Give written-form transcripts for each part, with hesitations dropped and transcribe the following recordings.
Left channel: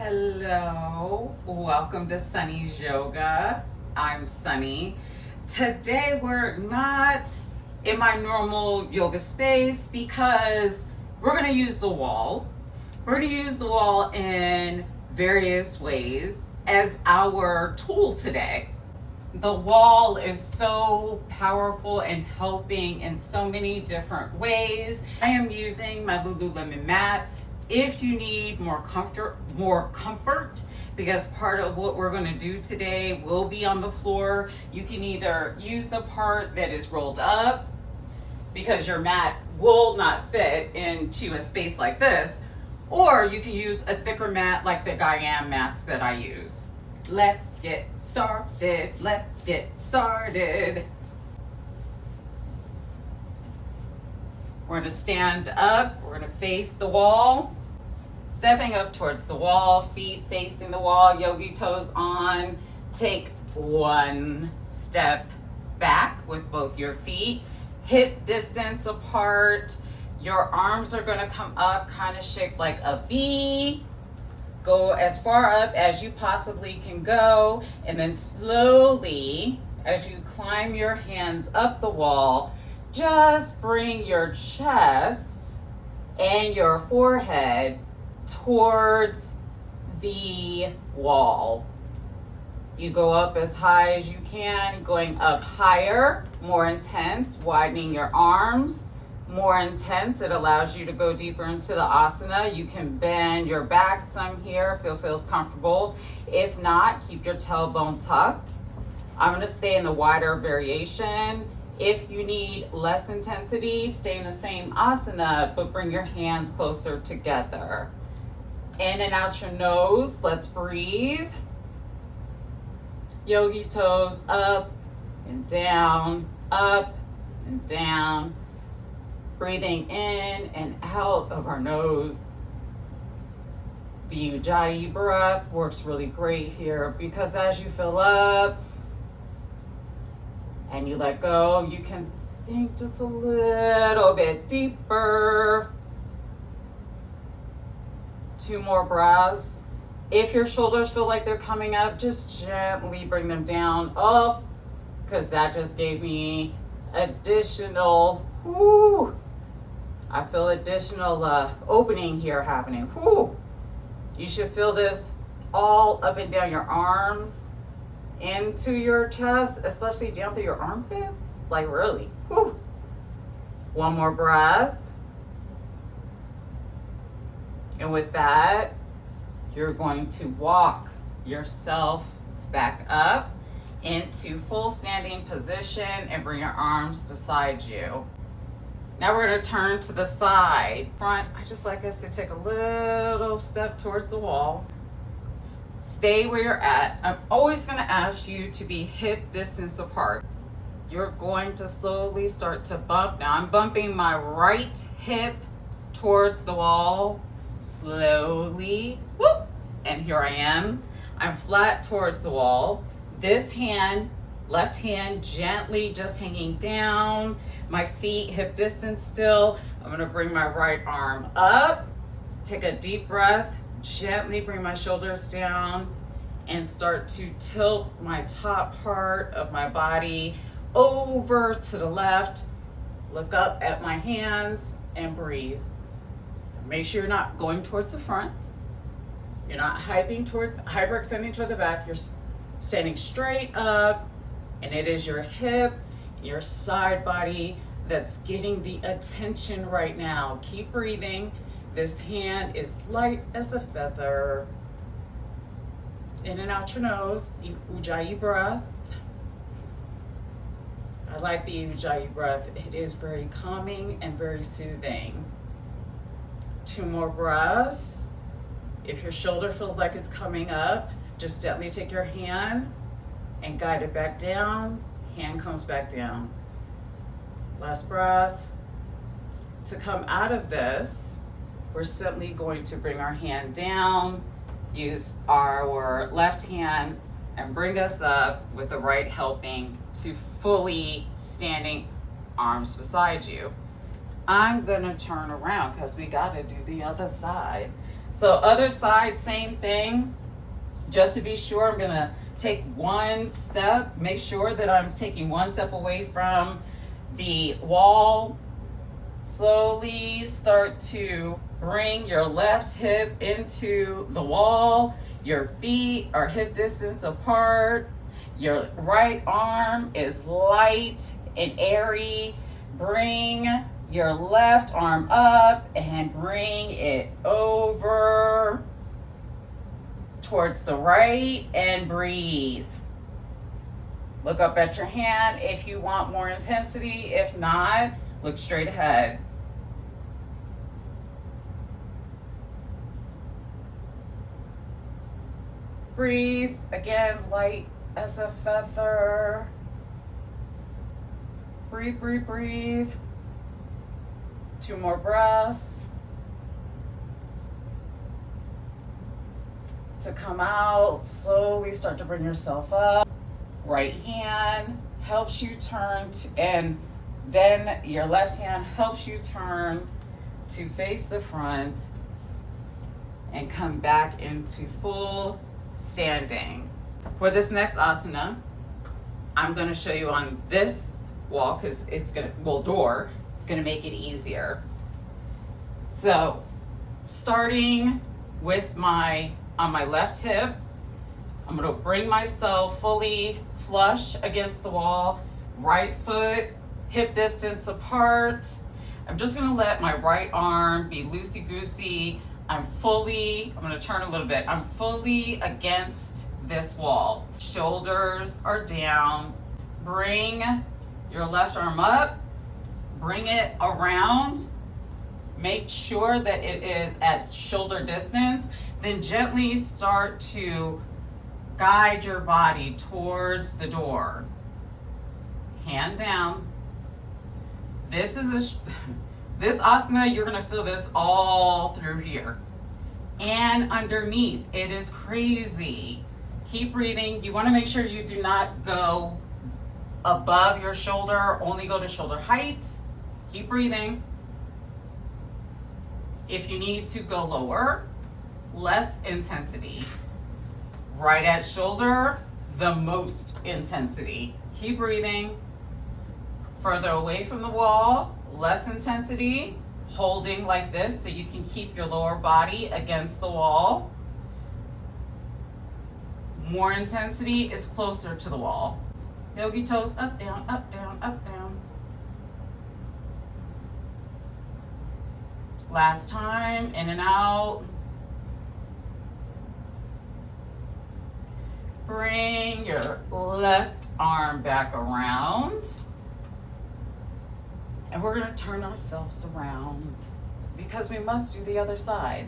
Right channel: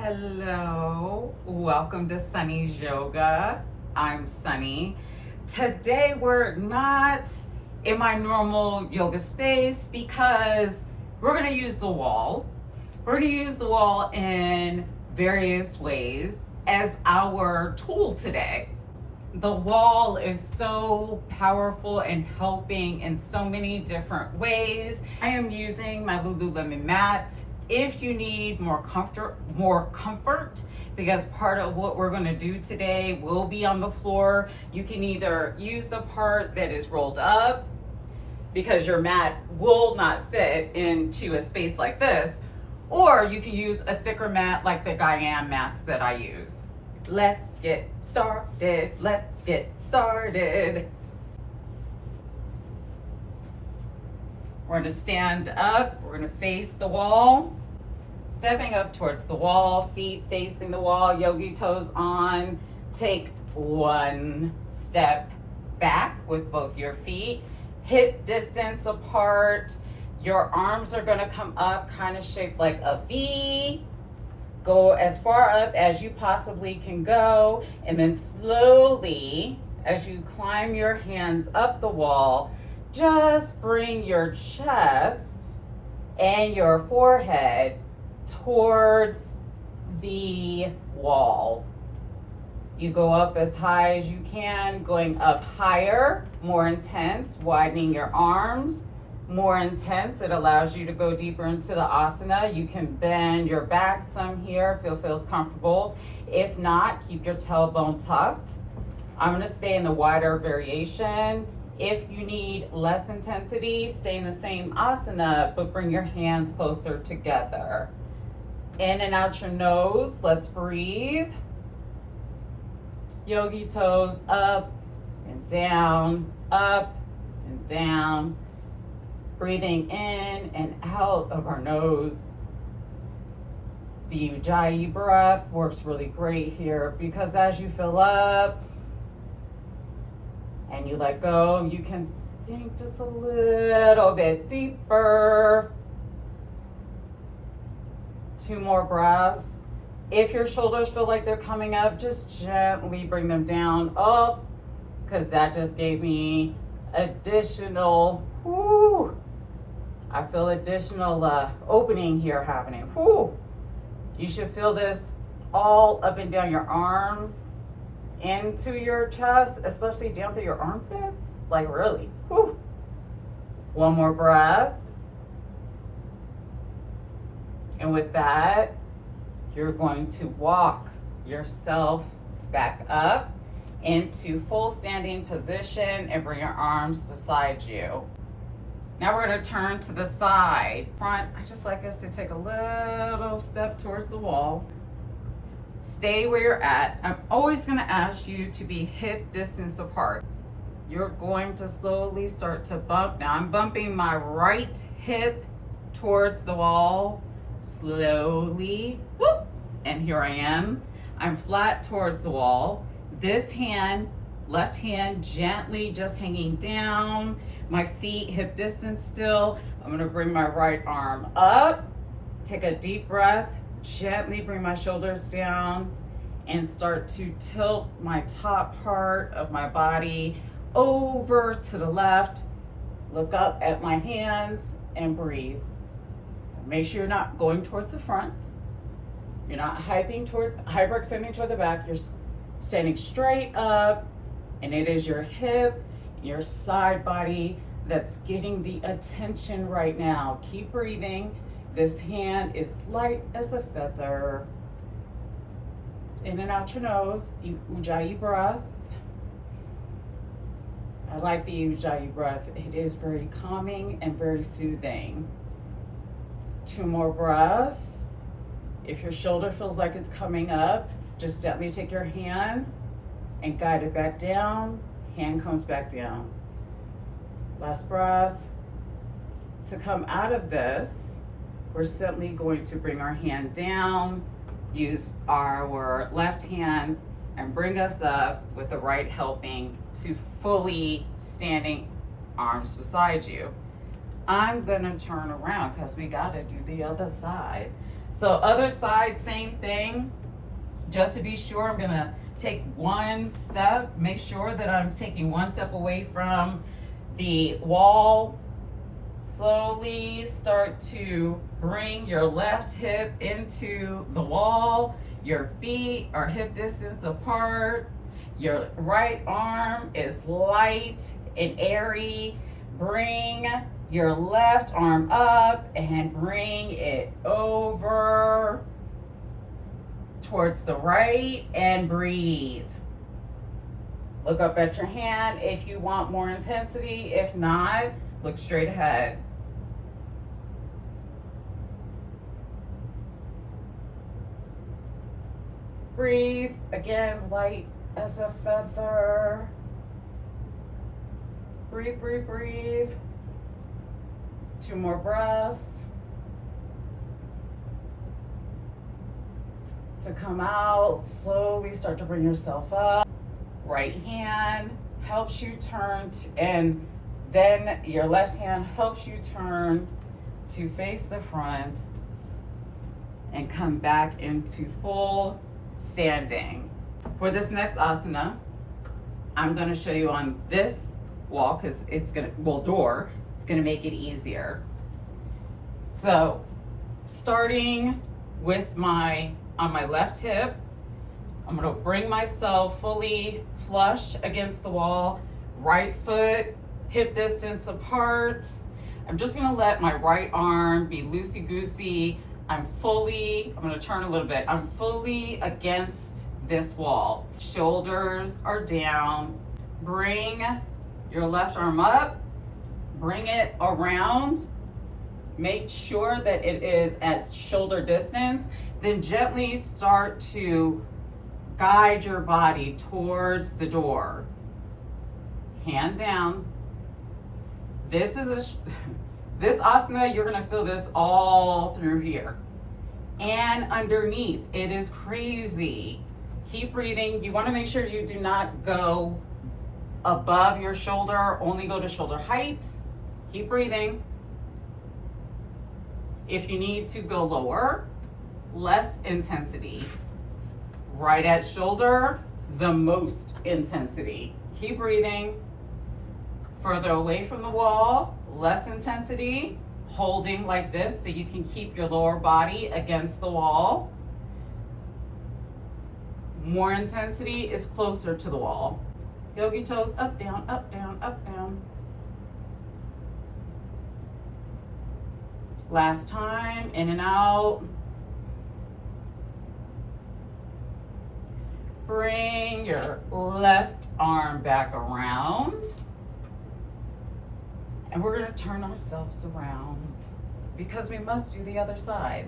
Hello, welcome to Sunny's Yoga. I'm Sunny. Today we're not in my normal yoga space because we're going to use the wall. We're going to use the wall in various ways as our tool today. The wall is so powerful and helping in so many different ways. I am using my Lululemon mat. If you need more comfort, because part of what we're going to do today will be on the floor, you can either use the part that is rolled up because your mat will not fit into a space like this, or you can use a thicker mat like the Gaiam mats that I use. Let's get started. Let's get started. We're going to stand up. We're going to face the wall. Stepping up towards the wall, feet facing the wall, yogi toes on. Take one step back with both your feet, hip distance apart. Your arms are going to come up, kind of shaped like a V. Go as far up as you possibly can go, and then slowly, as you climb your hands up the wall, just bring your chest and your forehead towards the wall. You go up as high as you can, going up higher, more intense, widening your arms, more intense. It allows you to go deeper into the asana. You can bend your back some here if it feels comfortable. If not, keep your tailbone tucked. I'm going to stay in the wider variation. If you need less intensity, stay in the same asana, but bring your hands closer together. In and out your nose. Let's breathe. Yogi toes up and down, up and down. Breathing in and out of our nose. The Ujjayi breath works really great here because as you fill up and you let go, you can sink just a little bit deeper. 2 more breaths. If your shoulders feel like they're coming up, just gently bring them down up, because that just gave me additional, I feel additional opening here happening. You should feel this all up and down your arms, into your chest, especially down through your armpits, like really. 1 more breath. And with that, you're going to walk yourself back up into full standing position and bring your arms beside you. Now we're going to turn to the side. Front, I just like us to take a little step towards the wall. Stay where you're at. I'm always going to ask you to be hip distance apart. You're going to slowly start to bump. Now I'm bumping my right hip towards the wall. Slowly, and here I am. I'm flat towards the wall. This hand, left hand, gently just hanging down. My feet hip distance still. I'm gonna bring my right arm up. Take a deep breath. Gently bring my shoulders down and start to tilt my top part of my body over to the left. Look up at my hands and breathe. Make sure you're not going towards the front. You're not hyperextending toward the back. You're standing straight up, and it is your hip, your side body that's getting the attention right now. Keep breathing. This hand is light as a feather. In and out your nose, Ujjayi breath. I like the Ujjayi breath. It is very calming and very soothing. 2 more breaths. If your shoulder feels like it's coming up, just gently take your hand and guide it back down. Hand comes back down. Last breath. To come out of this, we're simply going to bring our hand down, use our left hand, and bring us up with the right helping to fully standing arms beside you. I'm gonna turn around because we gotta do the other side. So other side, same thing. Just to be sure, I'm gonna take one step, make sure that I'm taking one step away from the wall. Slowly start to bring your left hip into the wall. Your feet are hip distance apart. Your right arm is light and airy. Bring your left arm up and bring it over towards the right and breathe. Look up at your hand if you want more intensity. If not, look straight ahead. Breathe, again, light as a feather. Breathe, breathe, breathe. 2 more breaths. To come out, slowly start to bring yourself up. Right hand helps you turn and then your left hand helps you turn to face the front and come back into full standing. For this next asana, I'm going to show you on this wall because it's going to make it easier. So starting with on my left hip, I'm going to bring myself fully flush against the wall, right foot hip distance apart. I'm just going to let my right arm be loosey-goosey. I'm going to turn a little bit. I'm fully against this wall. Shoulders are down. Bring your left arm up. Bring it around. Make sure that it is at shoulder distance. Then gently start to guide your body towards the door. Hand down. This asana, you're gonna feel this all through here and underneath. It is crazy. Keep breathing. You wanna make sure you do not go above your shoulder, only go to shoulder height. Keep breathing. If you need to go lower, less intensity. Right at shoulder, the most intensity. Keep breathing. Further away from the wall, less intensity. Holding like this so you can keep your lower body against the wall. More intensity is closer to the wall. Yogi toes up, down, up, down, up, down. Last time, in and out. Bring your left arm back around. And we're going to turn ourselves around because we must do the other side.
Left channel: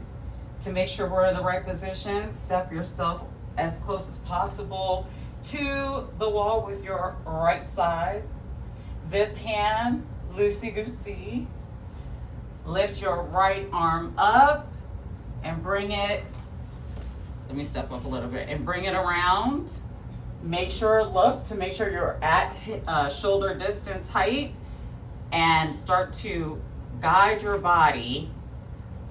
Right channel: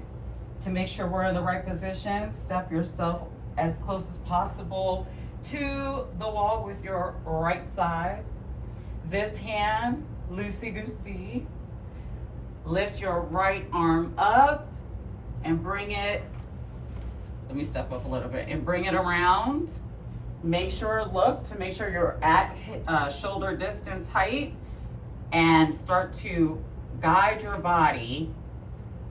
To make sure we're in the right position, step yourself as close as possible to the wall with your right side. This hand, loosey-goosey. Lift your right arm up and bring it, let me step up a little bit, and bring it around. Make sure you're at shoulder distance height and start to guide your body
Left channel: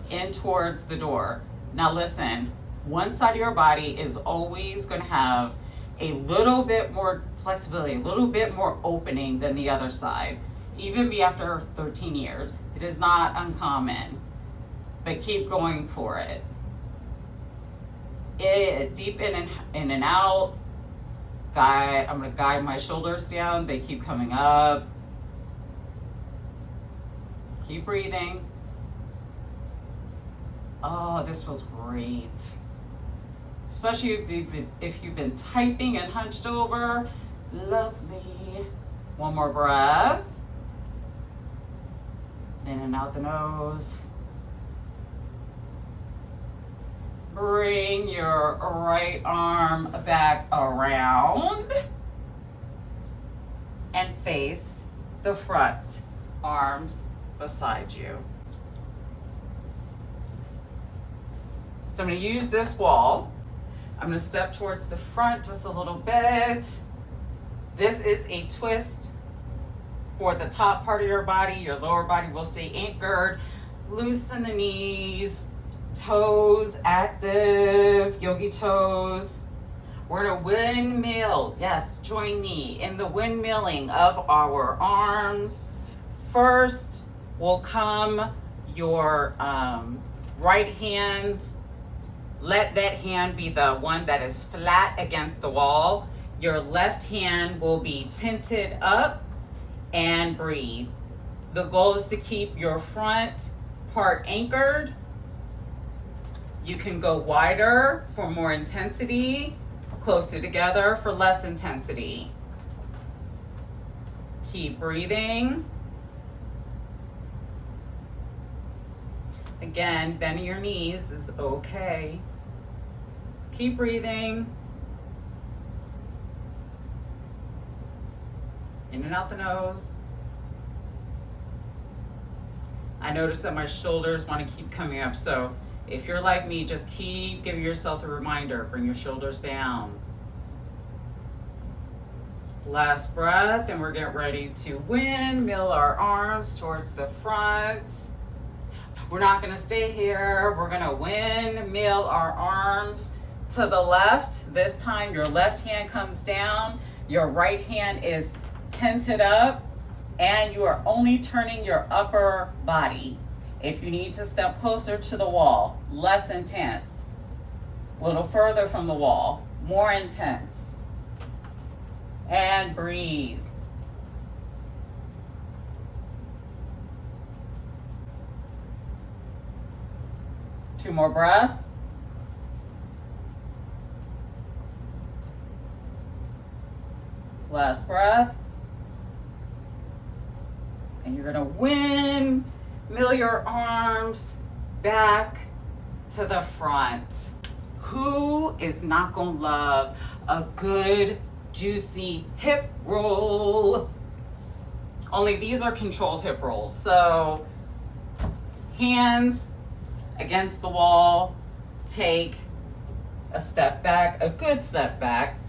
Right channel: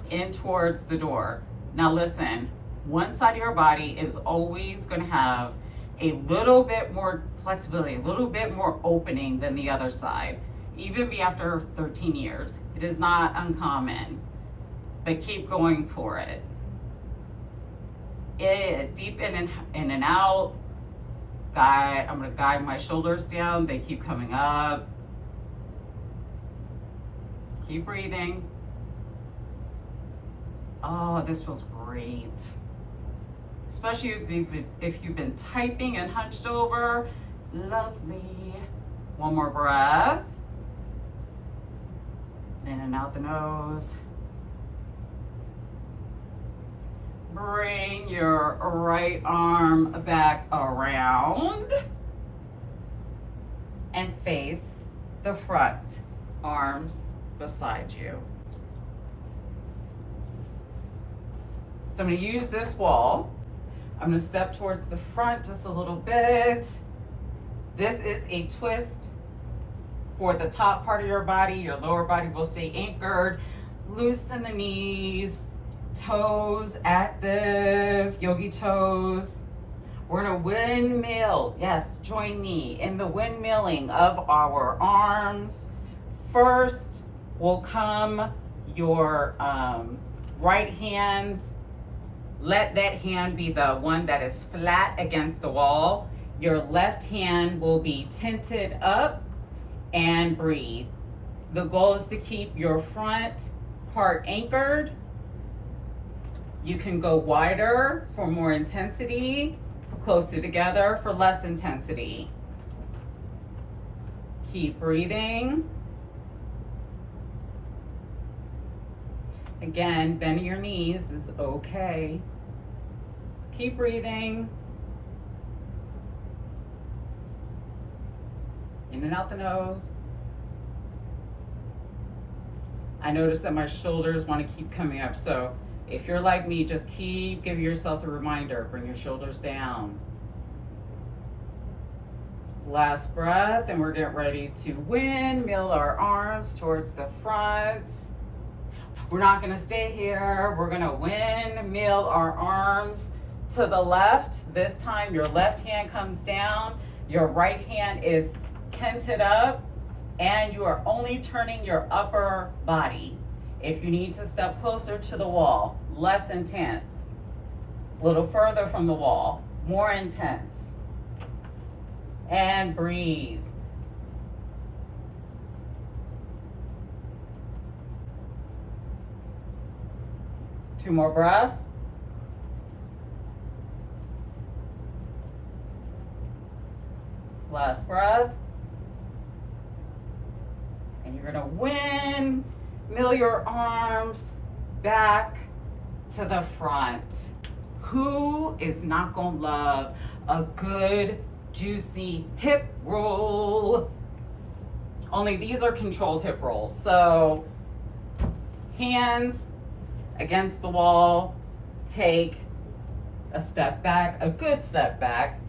in towards the door. Now listen, one side of your body is always going to have a little bit more flexibility, a little bit more opening than the other side, even be after 13 years. It is not uncommon, but keep going for it. Deep in and out. I'm going to guide my shoulders down. They keep coming up. Keep breathing. Oh, this was great. Especially if you've been typing and hunched over. Lovely. One more breath. In and out the nose. Bring your right arm back around and face the front, arms beside you. So I'm going to use this wall. I'm going to step towards the front just a little bit. This is a twist for the top part of your body. Your lower body will stay anchored. Loosen the knees. Toes active, yogi toes. We're gonna windmill. Yes, join me in the windmilling of our arms. First will come your right hand. Let that hand be the one that is flat against the wall. Your left hand will be tinted up, and breathe. The goal is to keep your front part anchored. You can go wider for more intensity, closer together for less intensity. Keep breathing. Again, bending your knees is okay. Keep breathing. In and out the nose. I notice that my shoulders want to keep coming up, so if you're like me, just keep giving yourself a reminder. Bring your shoulders down. Last breath, and we're getting ready to windmill our arms towards the front. We're not going to stay here. We're going to windmill our arms to the left. This time your left hand comes down, your right hand is tented up, and you are only turning your upper body. If you need to step closer to the wall, less intense. A little further from the wall, more intense. And breathe. Two more breaths. Last breath. And you're gonna windmill your arms back to the front. Who is not gonna love a good, juicy hip roll? Only these are controlled hip rolls. So hands against the wall, take a step back, a good step back.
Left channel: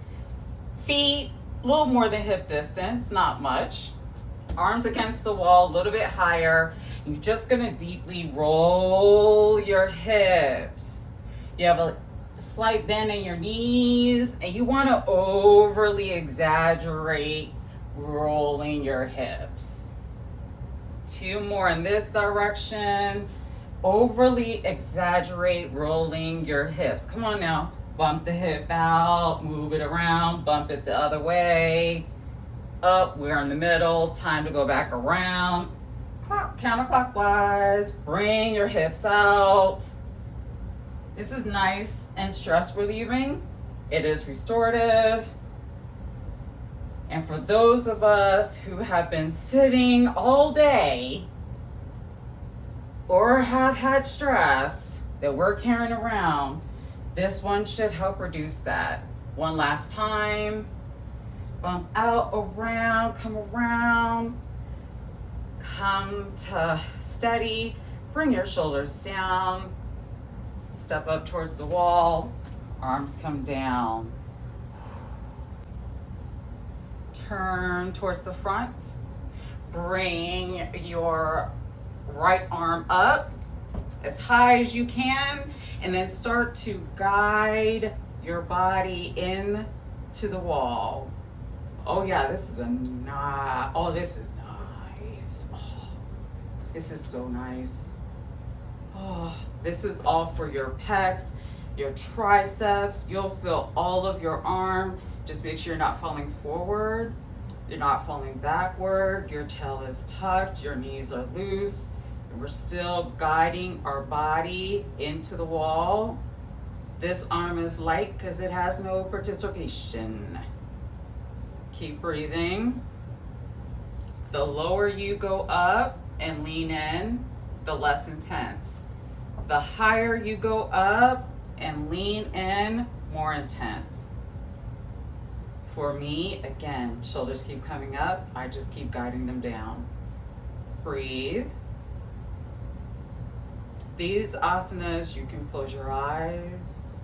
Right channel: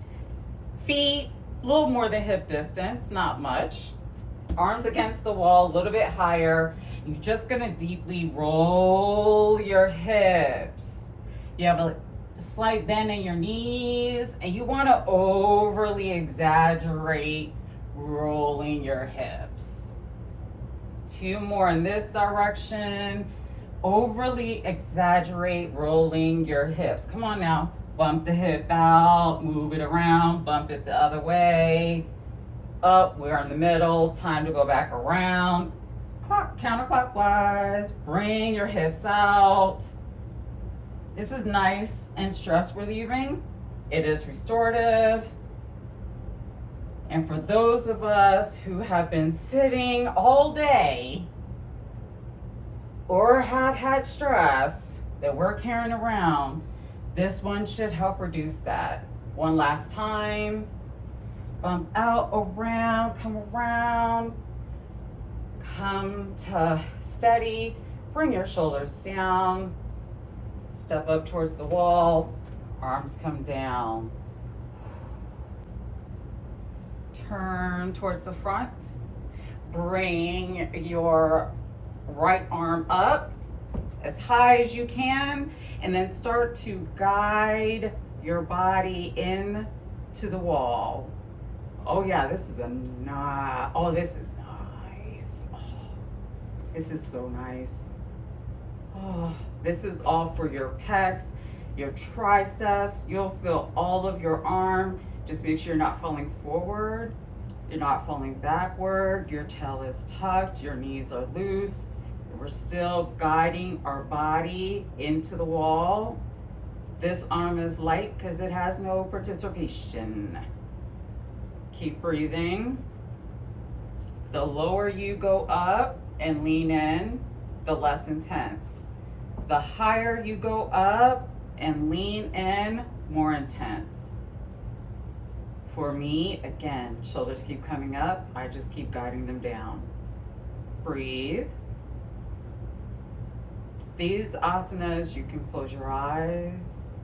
Feet a little more than hip distance, not much. Arms against the wall, a little bit higher. You're just gonna deeply roll your hips. You have a slight bend in your knees, and you wanna overly exaggerate rolling your hips. Two more in this direction. Overly exaggerate rolling your hips. Come on now. Bump the hip out, move it around, bump it the other way. Up, we're in the middle. Time to go back around. Counterclockwise. Bring your hips out. This is nice and stress relieving. It is restorative. And for those of us who have been sitting all day or have had stress that we're carrying around, this one should help reduce that. One last time. Bump out, around, come to steady, bring your shoulders down, step up towards the wall, arms come down. Turn towards the front, bring your right arm up as high as you can, and then start to guide your body in to the wall. Oh yeah, this is this is nice. Oh, this is so nice. Oh, this is all for your pecs, your triceps. You'll feel all of your arm. Just make sure you're not falling forward. You're not falling backward. Your tail is tucked. Your knees are loose. We're still guiding our body into the wall. This arm is light because it has no participation. Keep breathing. The lower you go up and lean in, the less intense. The higher you go up and lean in, more intense. For me, again, shoulders keep coming up. I just keep guiding them down. Breathe. These asanas, you can close your eyes.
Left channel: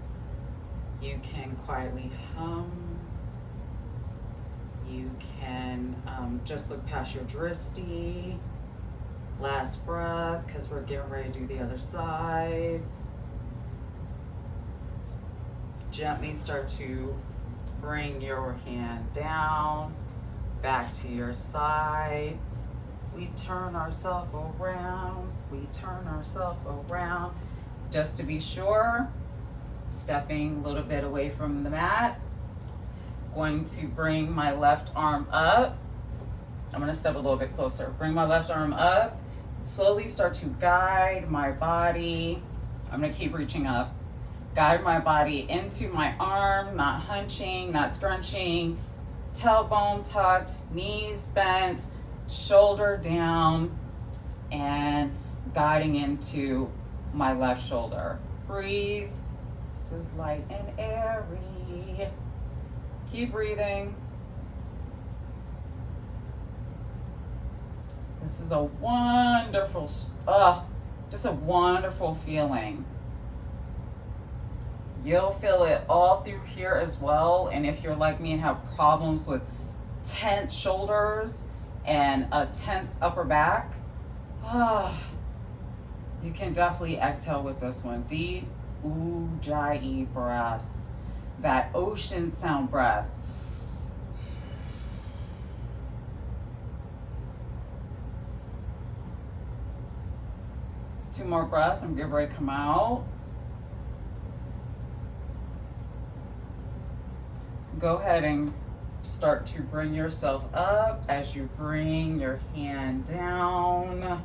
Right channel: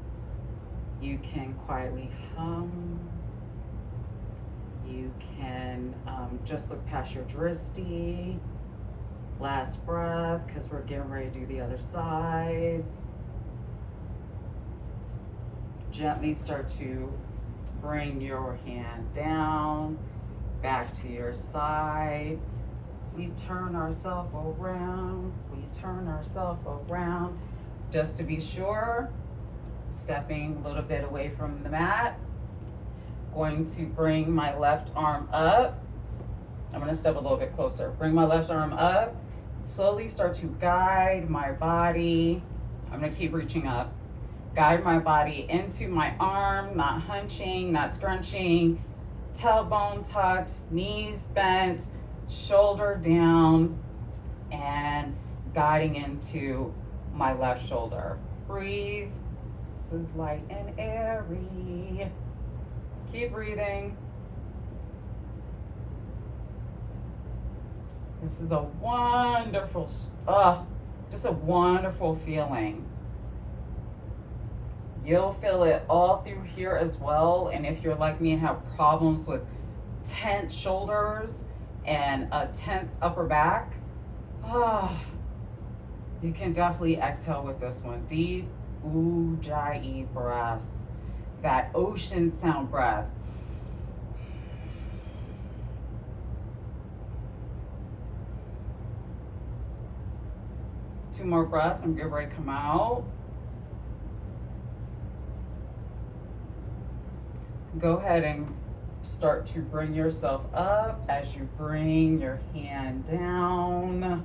You can quietly hum. You can just look past your drishti. Last breath, because we're getting ready to do the other side. gently start to bring your hand down, back to your side. We turn ourselves around. We turn ourselves around. Just to be sure, stepping a little bit away from the mat. Going to bring my left arm up. I'm going to step a little bit closer. Bring my left arm up. Slowly start to guide my body. I'm going to keep reaching up. Guide my body into my arm, not hunching, not scrunching. Tailbone tucked, knees bent, shoulder down, and guiding into my left shoulder. Breathe. This is light and airy. Keep breathing. This is a wonderful, just a wonderful feeling. You'll feel it all through here as well. And if you're like me and have problems with tense shoulders and a tense upper back, you can definitely exhale with this one. Deep Ujjayi breaths. That ocean sound breath. Two more breaths and get ready to come out. Go ahead and start to bring yourself up as you bring your hand down.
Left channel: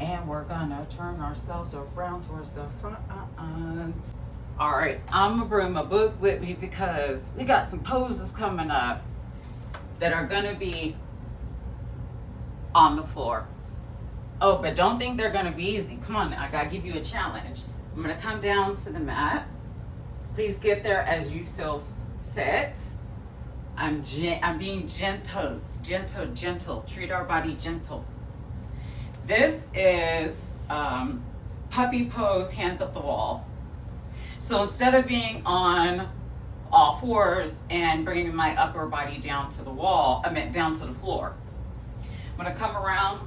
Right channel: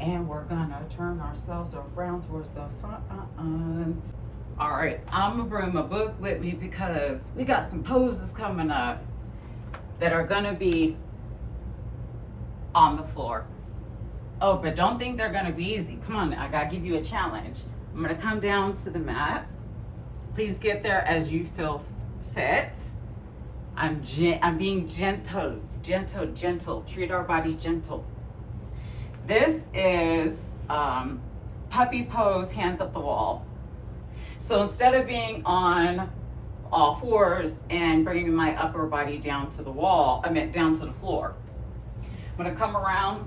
And we're gonna turn ourselves around towards the front. All right, I'm gonna bring my book with me because we got some poses coming up that are gonna be on the floor. Oh, but don't think they're gonna be easy. Come on, I gotta give you a challenge. I'm gonna come down to the mat. Please get there as you feel fit. I'm being gentle. Treat our body gentle. This is puppy pose, hands up the wall. So instead of being on all fours and bringing my upper body down to the wall, down to the floor. I'm gonna come around.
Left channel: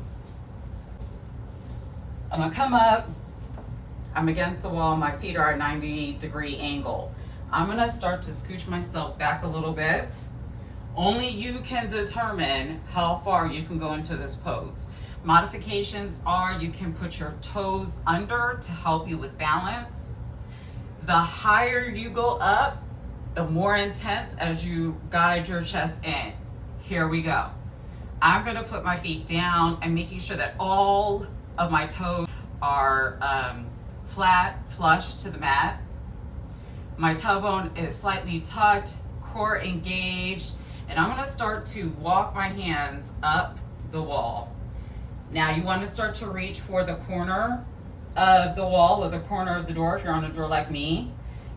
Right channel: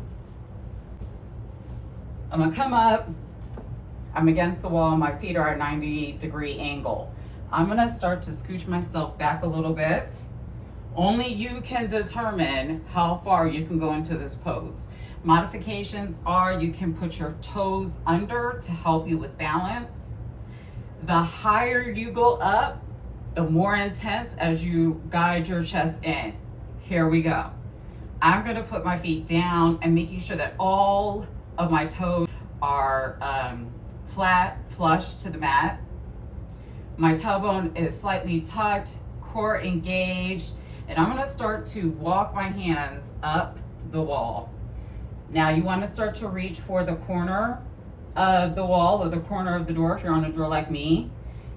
I'm gonna come up. I'm against the wall. My feet are at 90-degree angle. I'm gonna start to scooch myself back a little bit. Only you can determine how far you can go into this pose. Modifications are you can put your toes under to help you with balance. The higher you go up, the more intense as you guide your chest in. Here we go. I'm gonna put my feet down and making sure that all of my toes are flat, flush to the mat. My tailbone is slightly tucked, core engaged, and I'm gonna start to walk my hands up the wall. Now you wanna start to reach for the corner of the wall or the corner of the door if you're on a door like me.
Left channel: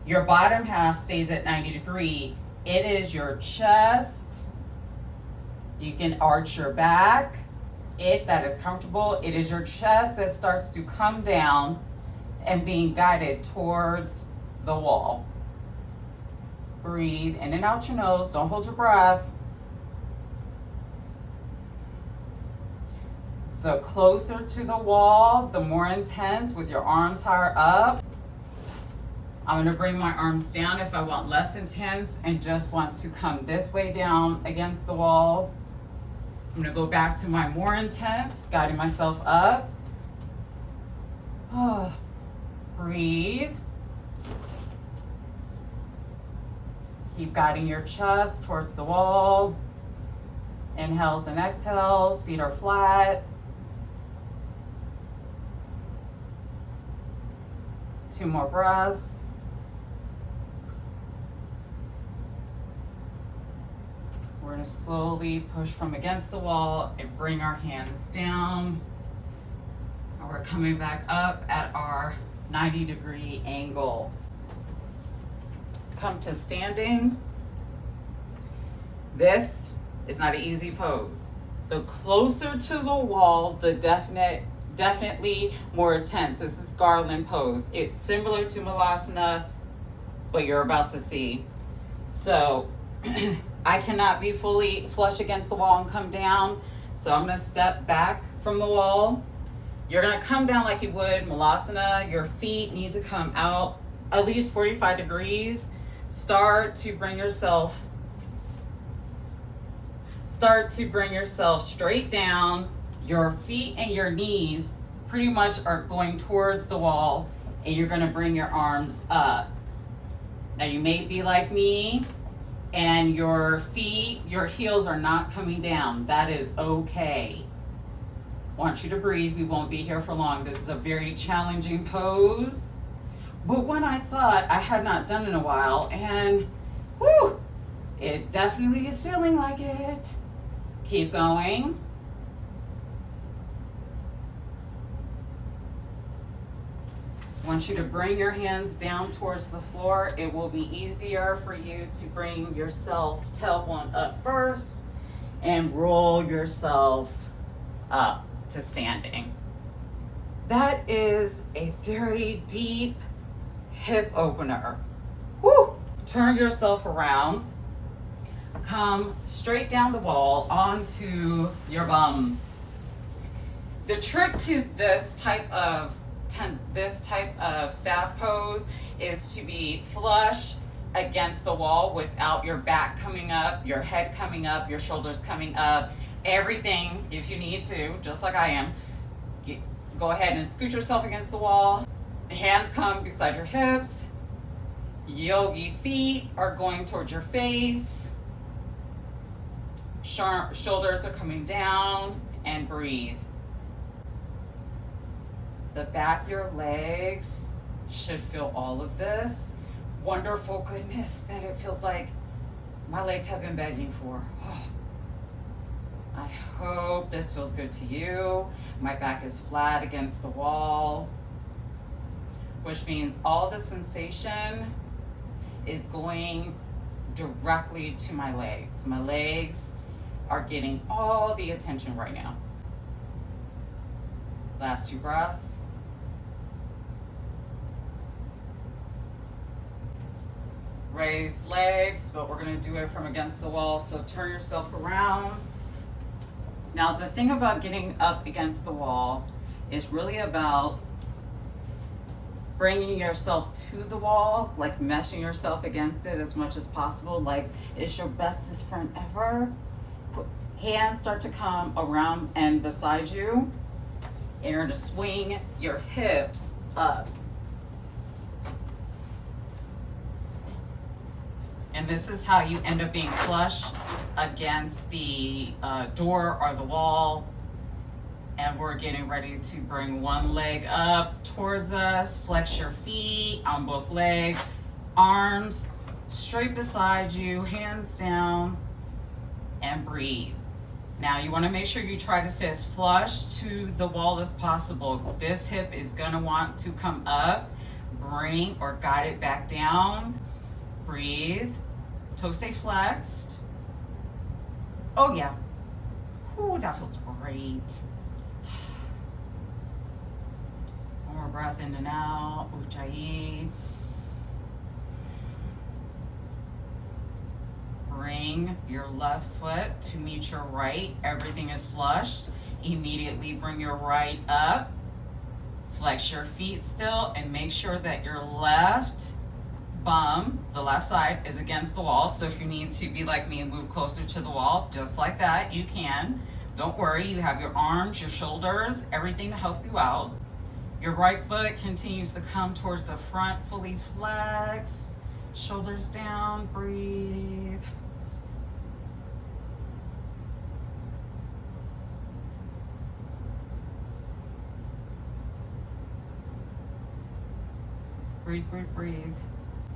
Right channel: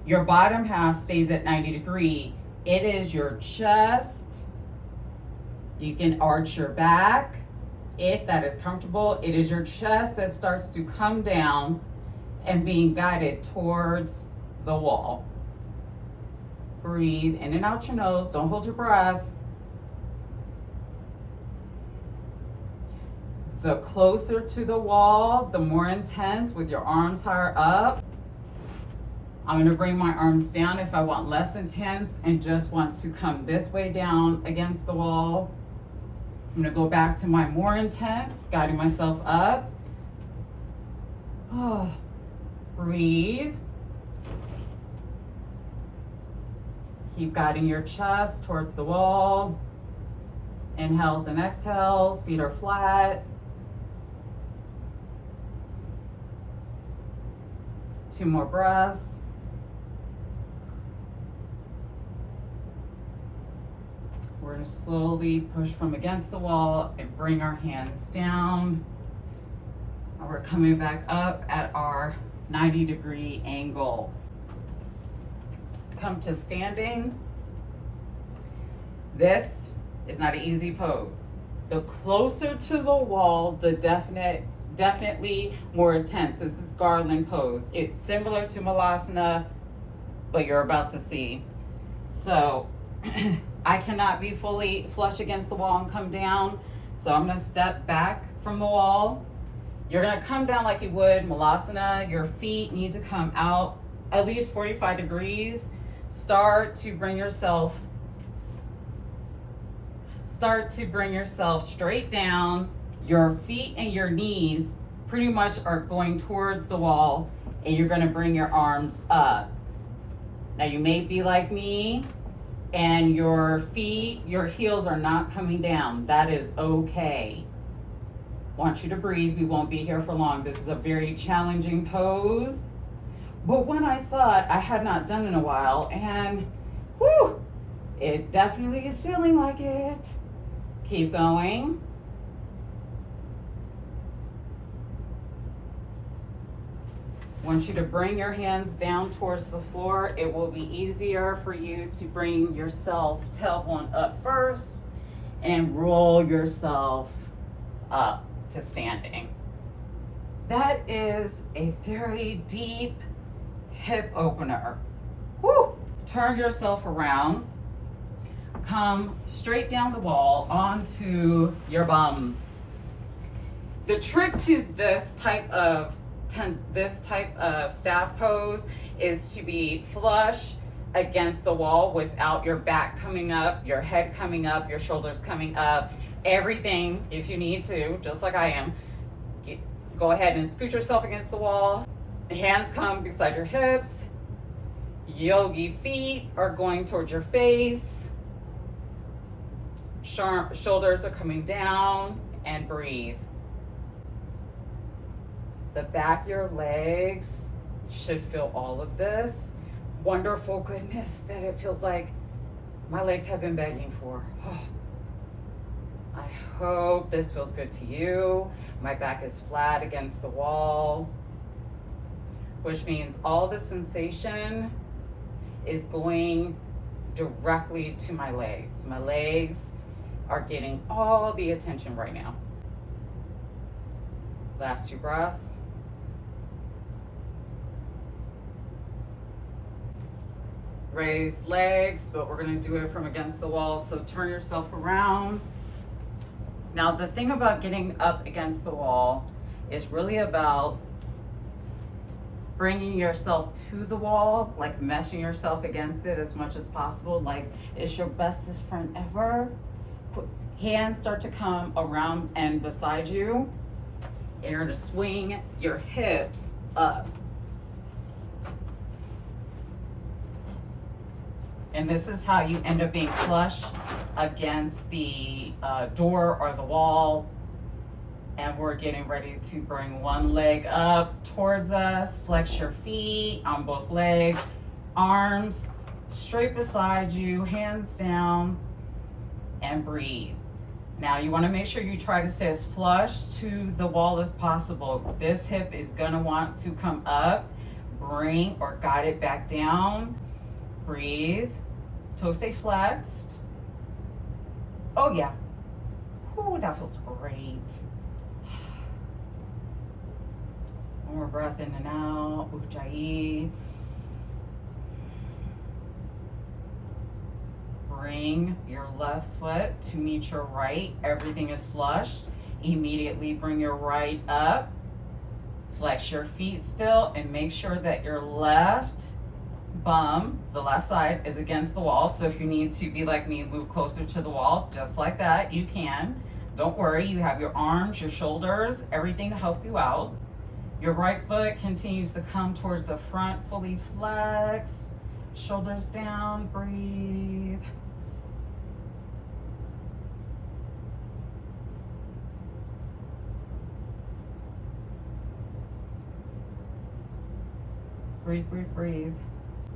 Your bottom half stays at 90-degree. It is your chest. You can arch your back if that is comfortable. It is your chest that starts to come down and being guided towards the wall. Breathe in and out your nose. Don't hold your breath. The closer to the wall, the more intense with your arms higher up. I'm gonna bring my arms down if I want less intense and just want to come this way down against the wall. I'm gonna go back to my more intense, guiding myself up. Breathe. Keep guiding your chest towards the wall. Inhales and exhales, feet are flat. 2 more breaths. We're gonna slowly push from against the wall and bring our hands down. And we're coming back up at our 90-degree angle. Come to standing. This is not an easy pose. The closer to the wall, the definitely more intense. This is garland pose. It's similar to Malasana, but you're about to see. So I cannot be fully flush against the wall and come down. So I'm gonna step back from the wall. You're gonna come down like you would Malasana. Your feet need to come out at least 45 degrees. Start to bring yourself straight down. Your feet and your knees pretty much are going towards the wall, and you're gonna bring your arms up. Now you may be like me and your heels are not coming down. That is okay. Want you to breathe. We won't be here for long. This is a very challenging pose, but one I thought I had not done in a while, and whoo, it definitely is feeling like it. Keep going. Want you to bring your hands down towards the floor. It will be easier for you to bring yourself tailbone up first and roll yourself up to standing. That is a very deep hip opener. Woo! Turn yourself around. Come straight down the wall onto your bum. The trick to this type of staff pose is to be flush against the wall without your back coming up, your head coming up, your shoulders coming up, everything. If you need to, just like I am, go ahead and scoot yourself against the wall. Hands come beside your hips. Yogi feet are going towards your face. Shoulders are coming down, and breathe. The back of your legs should feel all of this. Wonderful goodness that it feels like my legs have been begging for. I hope this feels good to you. My back is flat against the wall, which means all the sensation is going directly to my legs. My legs are getting all the attention right now. Last 2 breaths. Raise legs, but we're gonna do it from against the wall. So turn yourself around. Now the thing about getting up against the wall is really about bringing yourself to the wall, like meshing yourself against it as much as possible, like it's your bestest friend ever. Hands start to come around and beside you, and you're gonna swing your hips up. And this is how you end up being flush against the door or the wall. And we're getting ready to bring one leg up towards us. Flex your feet on both legs, arms straight beside you, hands down, and breathe. Now you want to make sure you try to stay as flush to the wall as possible. This hip is going to want to come up, bring or guide it back down. Breathe. Toes stay flexed. Oh yeah. Ooh, that feels great. One more breath in and out. Ujjayi. Bring your left foot to meet your right. Everything is flushed. Immediately bring your right up. Flex your feet still and make sure that your left bum, the left side, is against the wall. So if you need to be like me and move closer to the wall, just like that, you can. Don't worry, you have your arms, your shoulders, everything to help you out. Your right foot continues to come towards the front, fully flexed. Shoulders down, breathe. Breathe, breathe, breathe.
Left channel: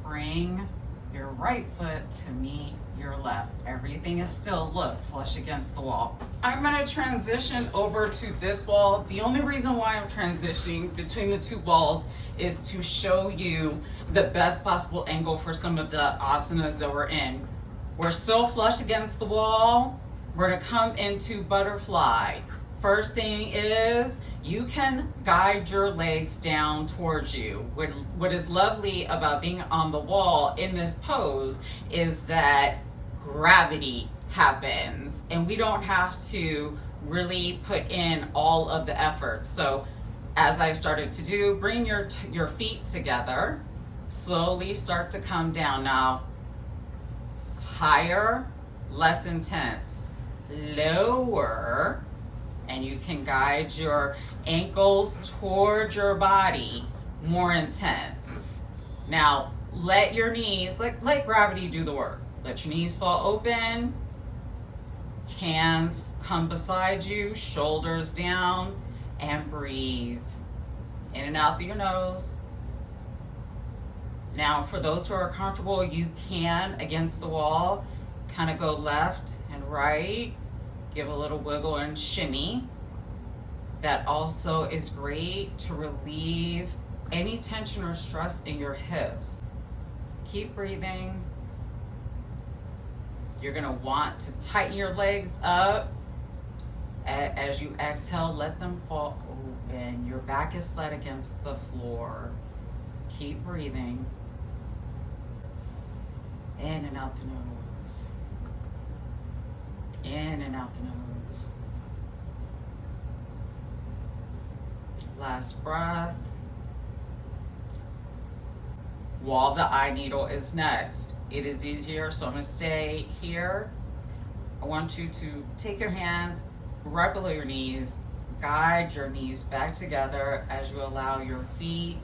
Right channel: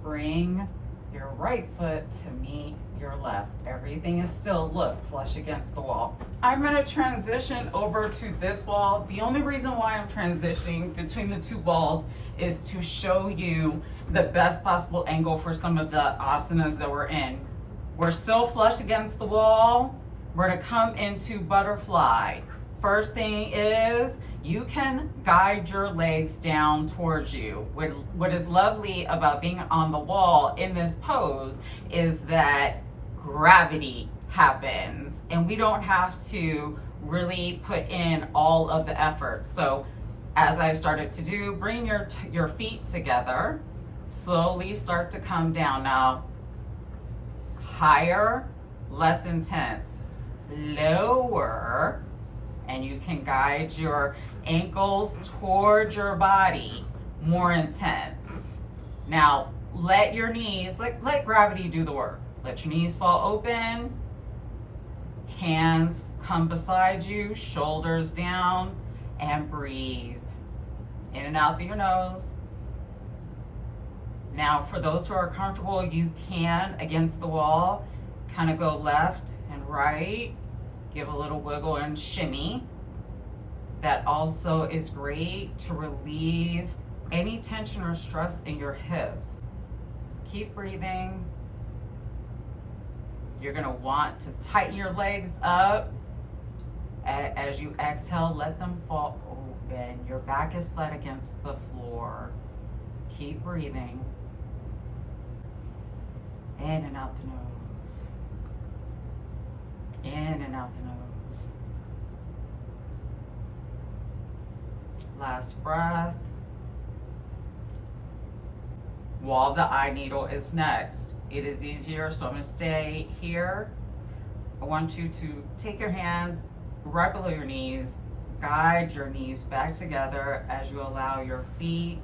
Bring your right foot to meet your left. Everything is still, look, flush against the wall. I'm gonna transition over to this wall. The only reason why I'm transitioning between the 2 walls is to show you the best possible angle for some of the asanas that we're in. We're still flush against the wall. We're gonna come into butterfly. First thing is, you can guide your legs down towards you. What is lovely about being on the wall in this pose is that gravity happens and we don't have to really put in all of the effort. So as I've started to do, bring your feet together, Slowly start to come down. Now, higher, less intense. Lower, and you can guide your ankles toward your body, more intense. Now, let your knees, let gravity do the work. Let your knees fall open, hands come beside you, shoulders down, and breathe. In and out through your nose. Now, for those who are comfortable, you can, against the wall, kind of go left and right, give a little wiggle and shimmy. That also is great to relieve any tension or stress in your hips. Keep breathing. You're gonna want to tighten your legs up. As you exhale, let them fall open. Your back is flat against the floor. Keep breathing. In and out the nose. In and out the nose. Last breath. Wall the eye needle is next. It is easier, so I'm gonna stay here. I want you to take your hands right below your knees, guide your knees back together as you allow your feet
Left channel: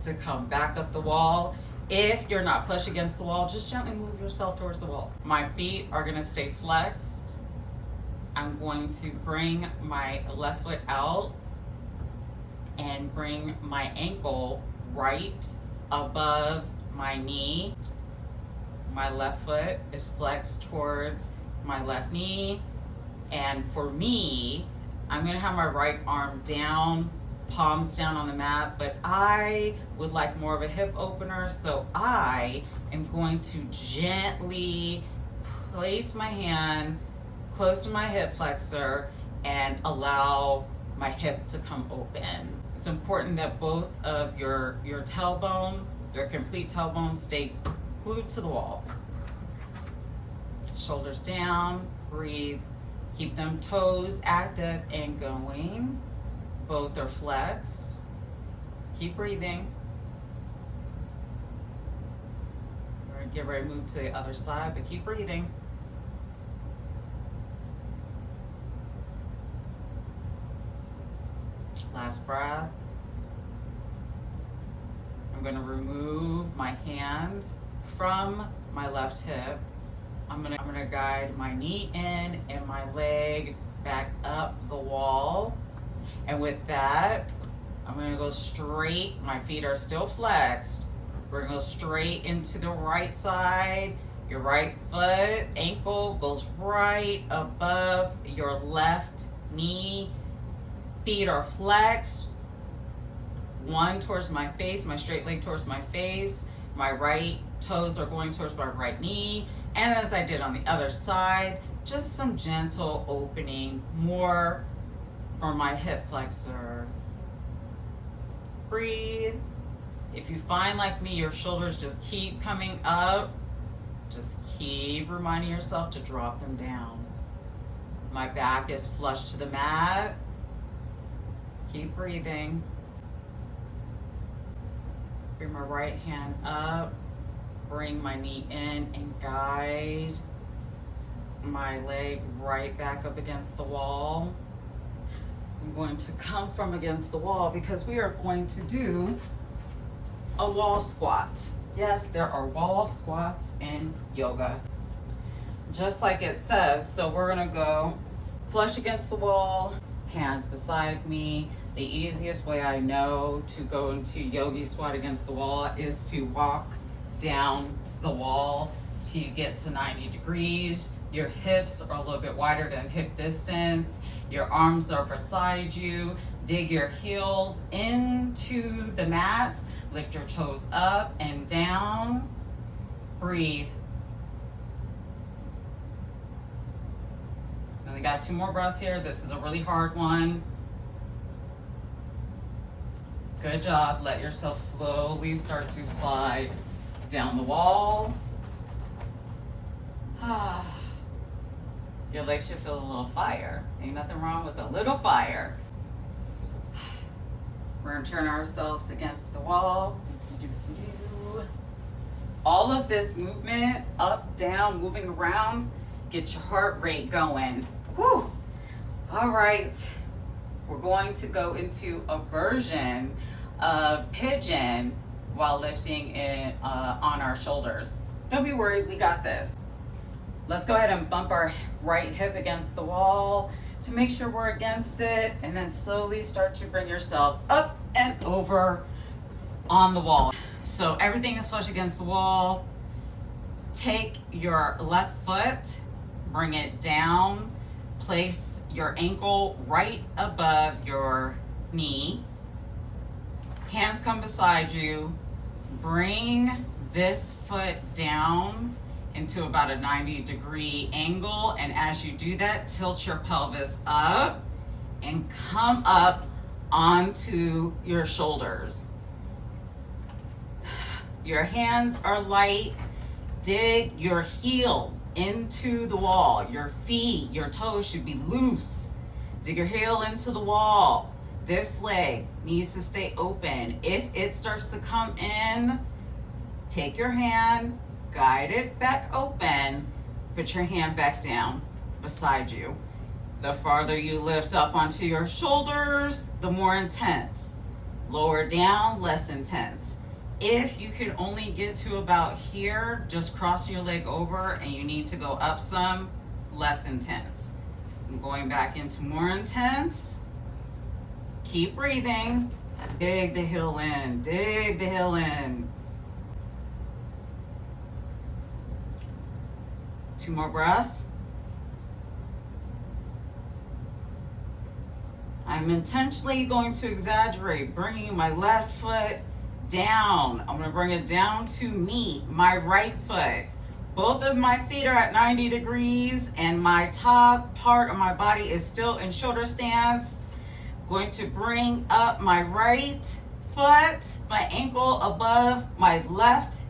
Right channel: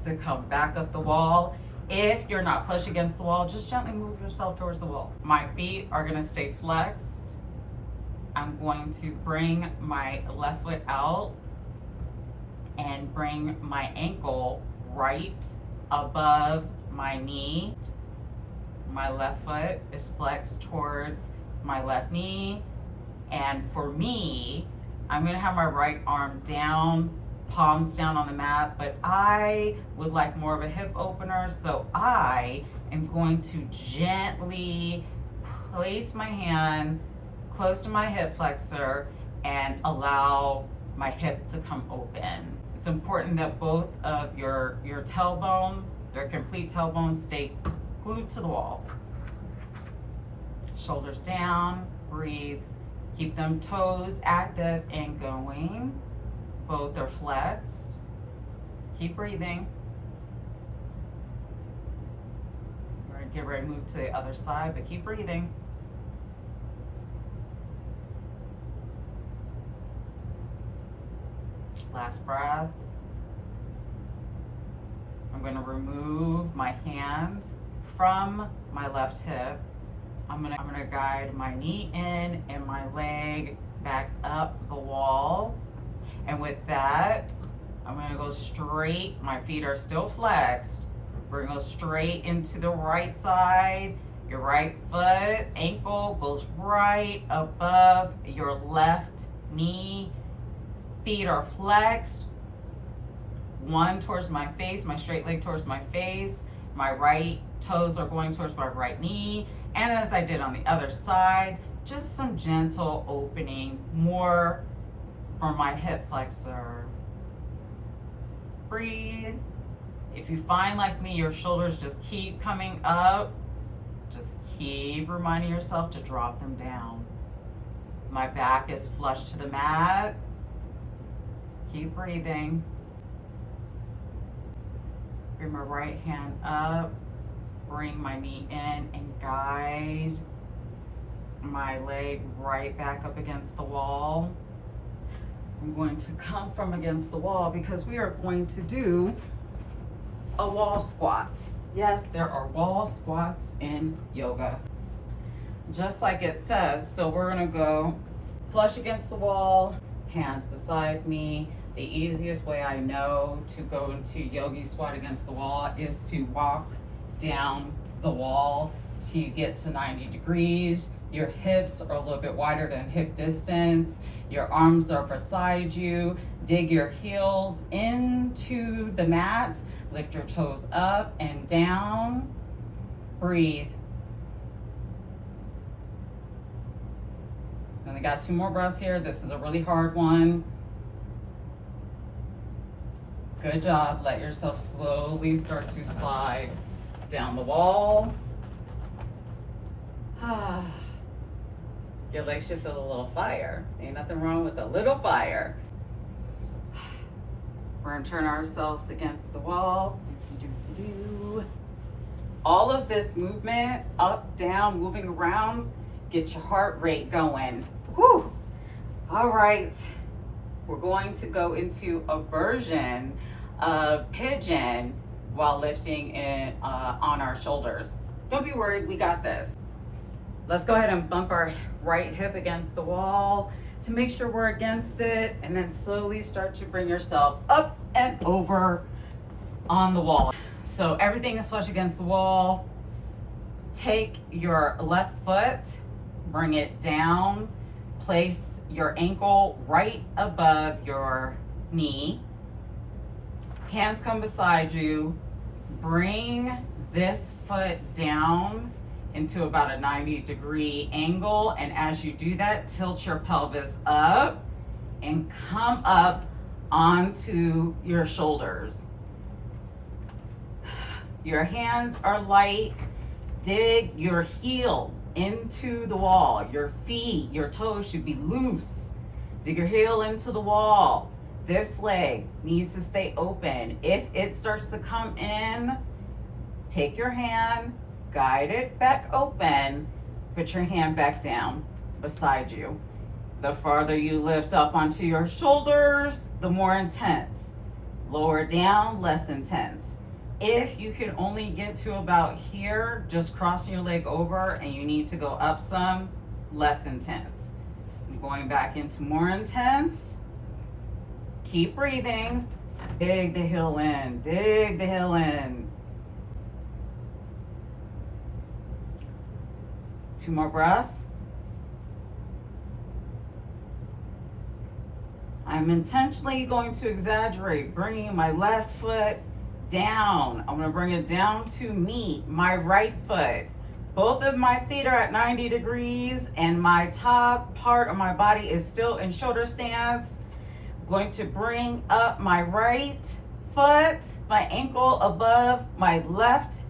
to come back up the wall. If you're not flush against the wall, just gently move yourself towards the wall. My feet are gonna stay flexed. I'm going to bring my left foot out and bring my ankle right above my knee. My left foot is flexed towards my left knee. And for me, I'm gonna have my right arm down, palms down on the mat, but I would like more of a hip opener, so I am going to gently place my hand close to my hip flexor and allow my hip to come open. It's important that both of your tailbone, your complete tailbone, stay glued to the wall. Shoulders down, breathe. Keep them toes active and going. Both are flexed. Keep breathing. We're gonna get ready to move to the other side, but keep breathing. Last breath. I'm gonna remove my hand from my left hip. I'm gonna guide my knee in and my leg back up the wall. And with that, I'm gonna go straight. My feet are still flexed. We're gonna go straight into the right side. Your right foot, ankle goes right above your left knee. Feet are flexed. One towards my face, my straight leg towards my face. My right toes are going towards my right knee. And as I did on the other side, just some gentle opening, more for my hip flexor. Breathe. If you find, like me, your shoulders just keep coming up, just keep reminding yourself to drop them down. My back is flush to the mat. Keep breathing. Bring my right hand up, bring my knee in and guide my leg right back up against the wall. I'm going to come from against the wall because we are going to do a wall squat. Yes, there are wall squats in yoga. Just like it says, so we're gonna go flush against the wall, hands beside me. The easiest way I know to go into yogi squat against the wall is to walk down the wall till you get to 90 degrees. Your hips are a little bit wider than hip distance. Your arms are beside you. Dig your heels into the mat. Lift your toes up and down. Breathe. And we got 2 more breaths here. This is a really hard one. Good job. Let yourself slowly start to slide down the wall. Your legs should feel a little fire. Ain't nothing wrong with a little fire. We're gonna turn ourselves against the wall. Do. All of this movement, up, down, moving around, get your heart rate going. Whew. All right, we're going to go into a version of pigeon while lifting in, on our shoulders. Don't be worried, we got this. Let's go ahead and bump our right hip against the wall to make sure we're against it, and then slowly start to bring yourself up and over on the wall. So everything is flush against the wall. Take your left foot, bring it down, place your ankle right above your knee. Hands come beside you. Bring this foot down into about a 90-degree angle, and as you do that, tilt your pelvis up and come up onto your shoulders. Your hands are light. Dig your heel into the wall. Your feet, your toes should be loose. Dig your heel into the wall. This leg needs to stay open. If it starts to come in, take your hand, guide it back open, put your hand back down beside you. The farther you lift up onto your shoulders, the more intense. Lower down, less intense. If you can only get to about here, just crossing your leg over, and you need to go up some, less intense. I'm going back into more intense. Keep breathing. Dig the heel in, dig the heel in. 2 more breaths. I'm intentionally going to exaggerate, bringing my left foot down. I'm going to bring it down to meet my right foot. Both of my feet are at 90 degrees and my top part of my body is still in shoulder stance. I'm going to bring up my right foot, my ankle above my left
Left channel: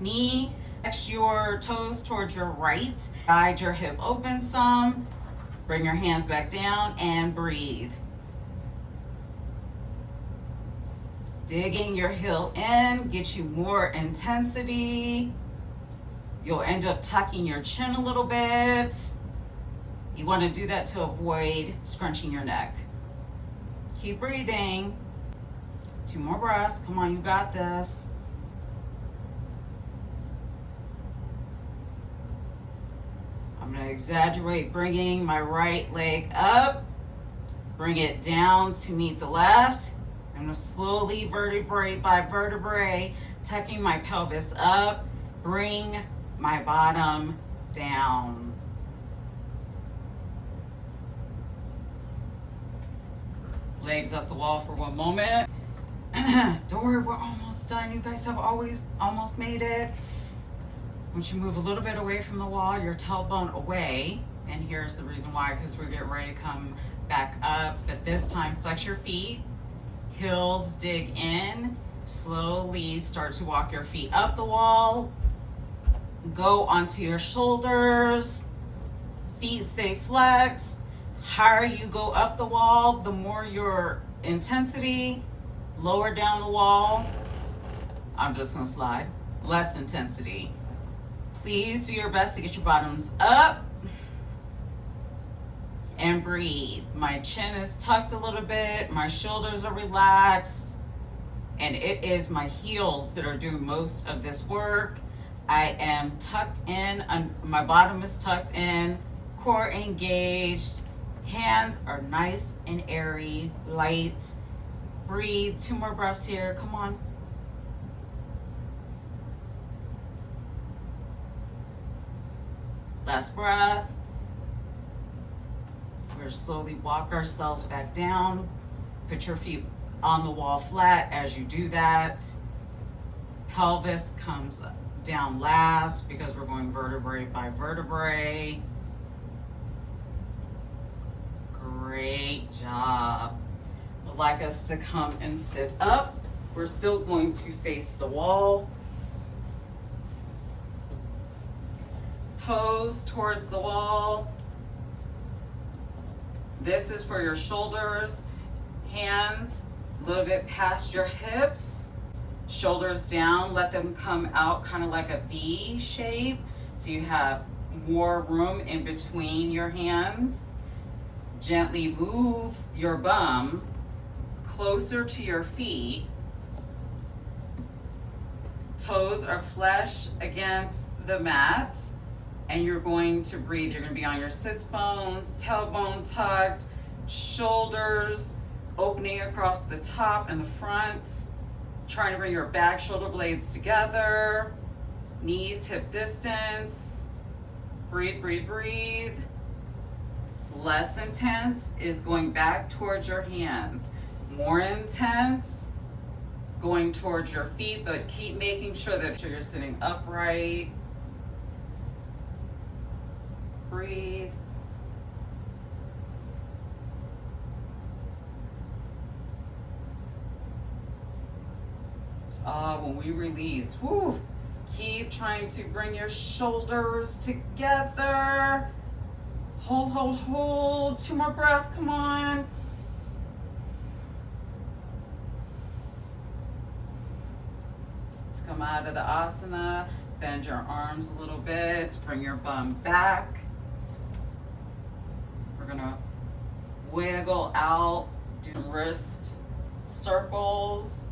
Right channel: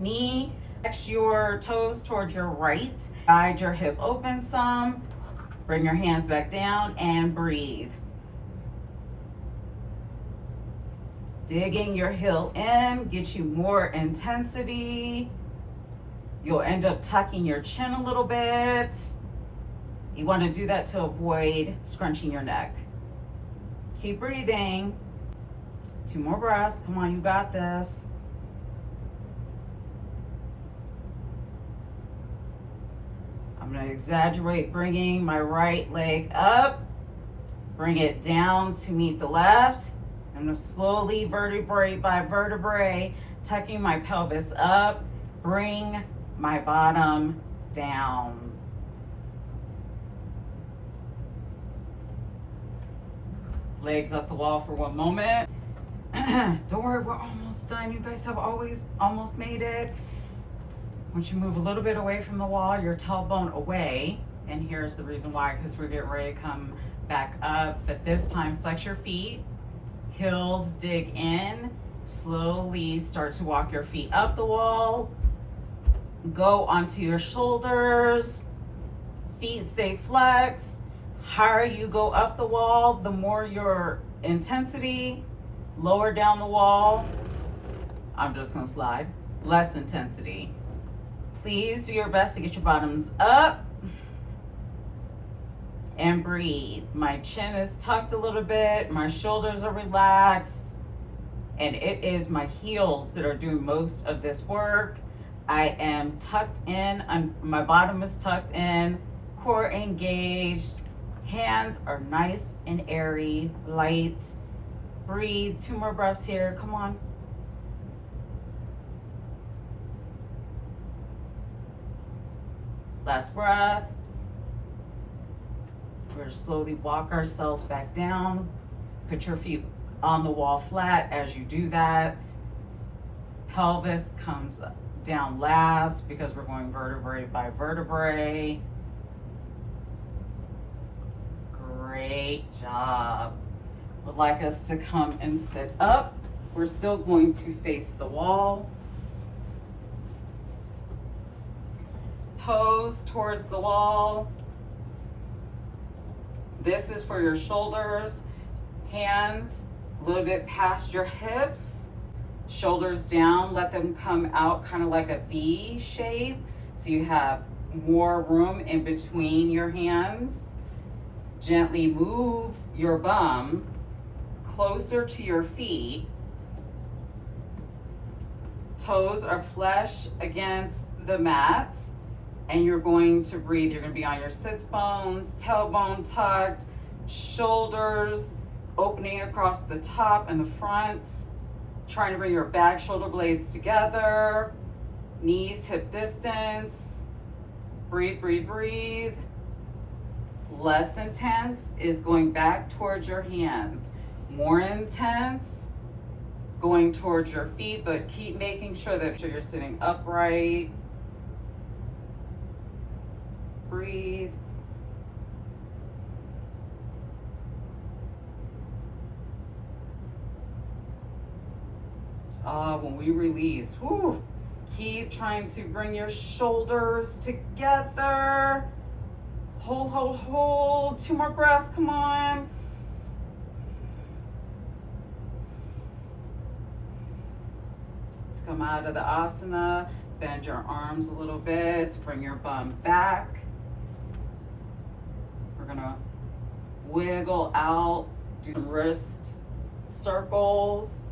knee. Flex your toes towards your right. Guide your hip open some. Bring your hands back down and breathe. Digging your heel in, get you more intensity. You'll end up tucking your chin a little bit. You want to do that to avoid scrunching your neck. Keep breathing. 2 more breaths. Come on, you got this. I'm going to exaggerate, bringing my right leg up. Bring it down to meet the left. I'm going to slowly, vertebrae by vertebrae, tucking my pelvis up, bring my bottom down. Legs up the wall for 1 moment. Don't worry, we're almost done. You guys have always almost made it. Once you move a little bit away from the wall, your tailbone away, and here's the reason why, because we're getting ready to come back up, but this time flex your feet, heels dig in, slowly start to walk your feet up the wall, go onto your shoulders, feet stay flexed. Higher you go up the wall, the more your intensity. Lower down the wall, I'm just gonna slide, less intensity. Please do your best to get your bottoms up and breathe. My chin is tucked a little bit, my shoulders are relaxed, and it is my heels that are doing most of this work. I am tucked in, my bottom is tucked in, core engaged, hands are nice and airy, light. Breathe, 2 more breaths here, come on. Last breath. We're gonna slowly walk ourselves back down. Put your feet on the wall flat as you do that. Pelvis comes down last because we're going vertebrae by vertebrae. Great job. Would like us to come and sit up. We're still going to face the wall. Toes towards the wall. This is for your shoulders. Hands a little bit past your hips, shoulders down, let them come out kind of like a V shape. So you have more room in between your hands. Gently move your bum closer to your feet. Toes are flush against the mat, and you're going to breathe. You're going to be on your sits bones, tailbone tucked, shoulders opening across the top and the front, trying to bring your back shoulder blades together, knees hip distance. Breathe, breathe, breathe. Less intense is going back towards your hands. More intense, going towards your feet, but keep making sure that you're sitting upright. Breathe. When we release, whew, keep trying to bring your shoulders together. Hold, hold, hold. 2 more breaths, come on. Let's come out of the asana. Bend your arms a little bit to bring your bum back. We're gonna wiggle out, do some wrist circles.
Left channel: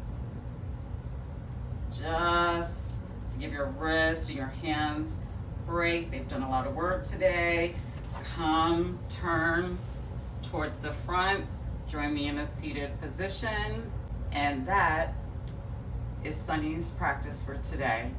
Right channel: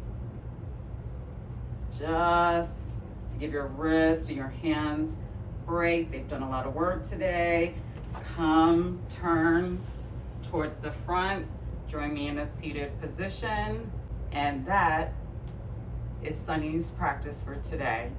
Just to give your wrist and your hands a break. They've done a lot of work today. Come, turn towards the front. Join me in a seated position. And that is Sunny's practice for today.